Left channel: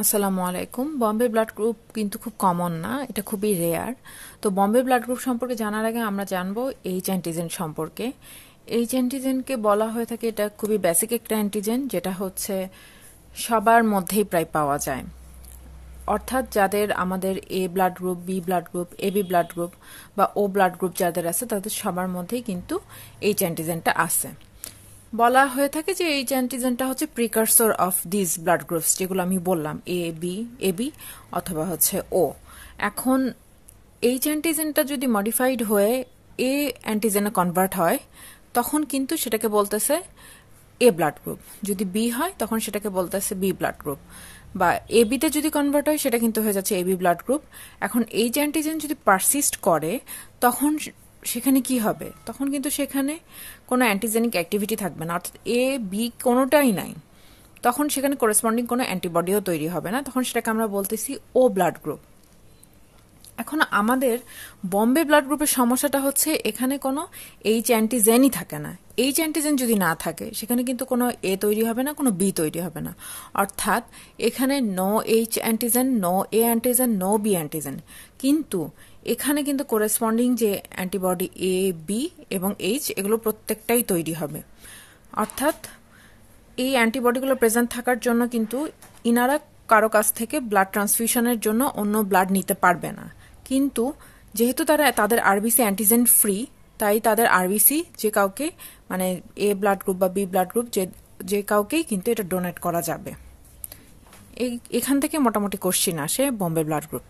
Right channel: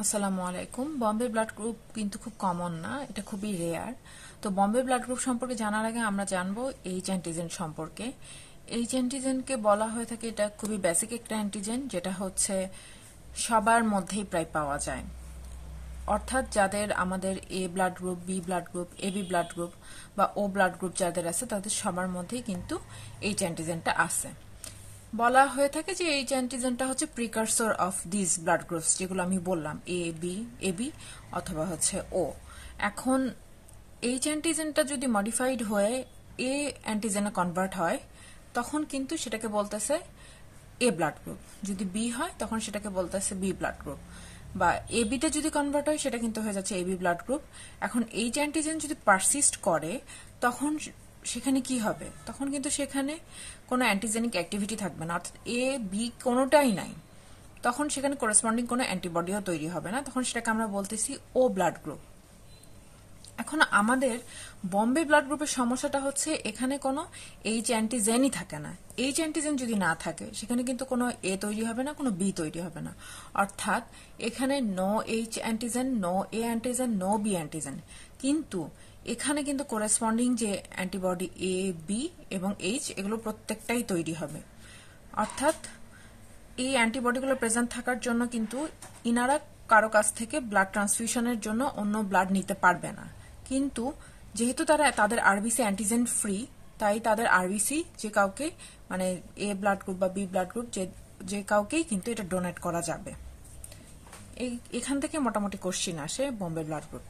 আসসালামু আলাইকুম। Bombay blood group কিন্তু খুব কমন না, এটা খুবই রেয়ার। তো বম্বে ব্লাড গ্রুপ সম্পর্কে জানার আগে আমরা জানবো এইচ অ্যান্টিজেন সম্পর্কে। এইচ অ্যান্টিজেনকে বলা হয়ে থাকে, এটা খুবই বেসিক একটা অ্যান্টিজেন, যেটা হচ্ছে সবার মধ্যেই প্রায় পাওয়া যায়। অর্থাৎ যাদের আমাদের A blood group, B blood group, AB blood group বা ও ব্লাড গ্রুপ যাদের আছে, তাদের সবার মধ্যেই কিন্তু এইচ অ্যান্টিজেনটা আছে। বলা হয়ে থাকে যে এইচ অ্যান্টিজেনটা হচ্ছে প্রিকারসর অফ দিস ব্লাড গ্রুপস, যেগুলো আমি বললাম, এবি অথবা হচ্ছে ও। এখন এইচ অ্যান্টিজেনটা যদি মডিফাইড হয়ে এ অ্যান্টিজেনে কনভার্ট হয়, তখন কিন্তু সেটাকে বলতেছে এ ব্লাড গ্রুপ। যদি বি হয় তখন সেটাকে বলতেছে বি ব্লাড গ্রুপ, বা এবিতে যদি কনভার্ট হয় সেটা কিন্তু হয়ে যাচ্ছে এবি ব্লাড গ্রুপ। এখন এইচ অ্যান্টিজেন যদি পারসিস্ট করে, তখন সেখানে কি হবে? তখন কিন্তু সেখানে কোনো অ্যান্টিজেনিক অ্যাক্টিভিটি থাকবে না, অর্থাৎ এ বি কোনোটাই নাই। তখন সেখানে করেসপন্ডিং কোনো অ্যান্টিবডিও তৈরি হবে না, তখন সেটাকে আমরা বলতেছি ও ব্লাড গ্রুপ। এখন আমাদের বম্বে ব্লাড গ্রুপের সমস্যাটা হচ্ছে এখানে কোনো এইচ অ্যান্টিজেনই থাকে না। এইচ অ্যান্টিজেন যদি না থাকে, সেখানে কিন্তু কোনো এ তৈরি হবে না, কোনো বি তৈরি হবে না। অর্থাৎ এখানে নো এইচ অ্যান্টিজেন, নো এ অ্যান্টিজেন, নো বি অ্যান্টিজেন। কিন্তু এখানে কিন্তু করেসপন্ডিং যে অ্যান্টিবডি এ, বি এবং এইচ, এগুলো প্রত্যেকটাই তৈরি হবে। অর্থাৎ এই অ্যান্টিবডিগুলো প্রেজেন্ট থাকার জন্য কিন্তু ইনারা কারো কাছ থেকে ব্লাড ট্রান্সফিউশনের জন্য অন্য ব্লাড নিতে পারবে না। কিন্তু যেহেতু তাদের আরবিসি অ্যান্টিজেন ফ্রি, তাই তাদের আরবিসি যে কাউকে, মানে এ ব্লাড গ্রুপ বা বি ব্লাড গ্রুপ, যে কাউকেই কিন্তু এটা ডোনেট করা যাবে। এখান থেকে মোটামুটি কোশ্চিন আসে বম্বে ব্লাড গ্রুপ।